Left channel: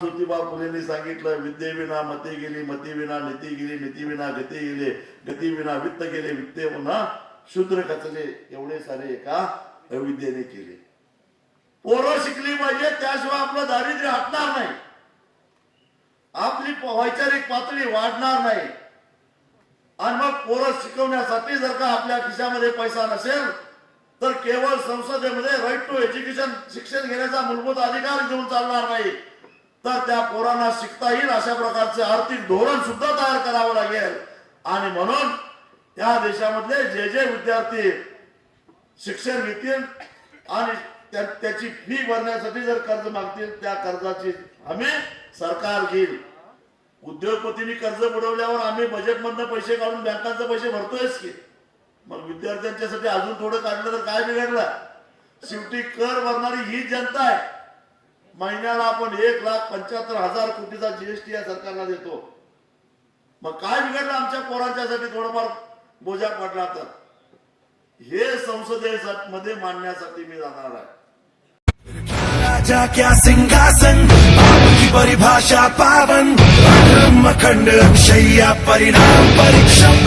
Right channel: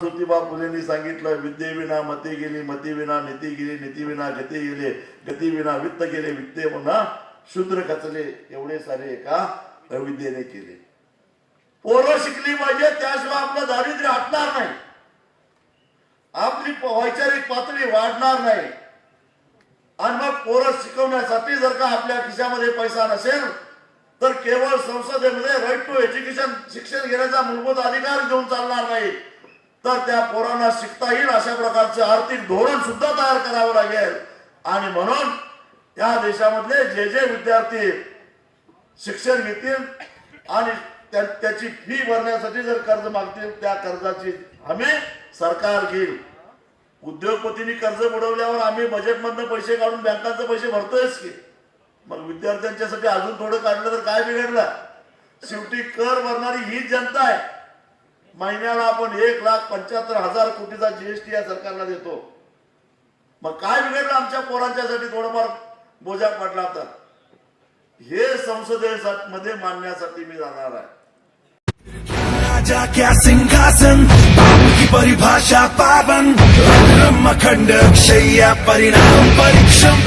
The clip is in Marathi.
ज्योतिबा फुलेंनी सांगितलं विद्येविना मती गेली मती विना नीती गेली नीती विना गती गेली गती विना वित्त गेले वित्ते पुन्हा शूद्र खचले एवढे सारे एका अविद्येने केले पोरं शिकली पाहिजे त्याशिवाय आपलं दारिद्र्य हटणार नाही आपली वैचारिक पातळी वाढणार नाही आणि मग पोरं शिकवण्यासाठी जर का आपल्या खिशामध्ये पैसा नसेल तर केवळ संसदेमध्ये राईट टू एज्युकेशन शिक्षण घेण्याचा मूलभूत अधिकार घेऊन चालणार नाही तर त्या पोरांना शिकता येईल अशा प्रकारचे आर्थिक धोरण सुद्धा तयार करावं लागेल. आणि म्हणून या देशामधले जे जे विद्यार्थी शिक्षण घेतील आणि त्याची फी भरण्यासाठी जर कर्ज मागतील त्या कर्जाची हमी सरकार घेईल. उद्योगपतींनी कर्ज बुडवल्यावर आम्ही बजेटमधनं पैसे काढून बँकांचे पैसे भरतोयच की. मग विद्यार्थ्यांच्यासाठी अजून थोडं काढलं तर काय बिघडलं? शेवटी कर भरणारी ही जनता आहे. महिन्याला आपण एक लाख पंच्याहत्तर हजार कोटीचा जीएसटी या सरकारला देतो. मग काय बिघडलं आमच्या पोरांच्यासाठी? थोडंफार बोजा पडला तर. हे संसदेमध्ये मांडण्यासाठी मी जाणार आहे. राजा क्या सिंहासन बाप की परिभाषा पावन। अग्रम अखंड अक्षय परिणाम परिश्रम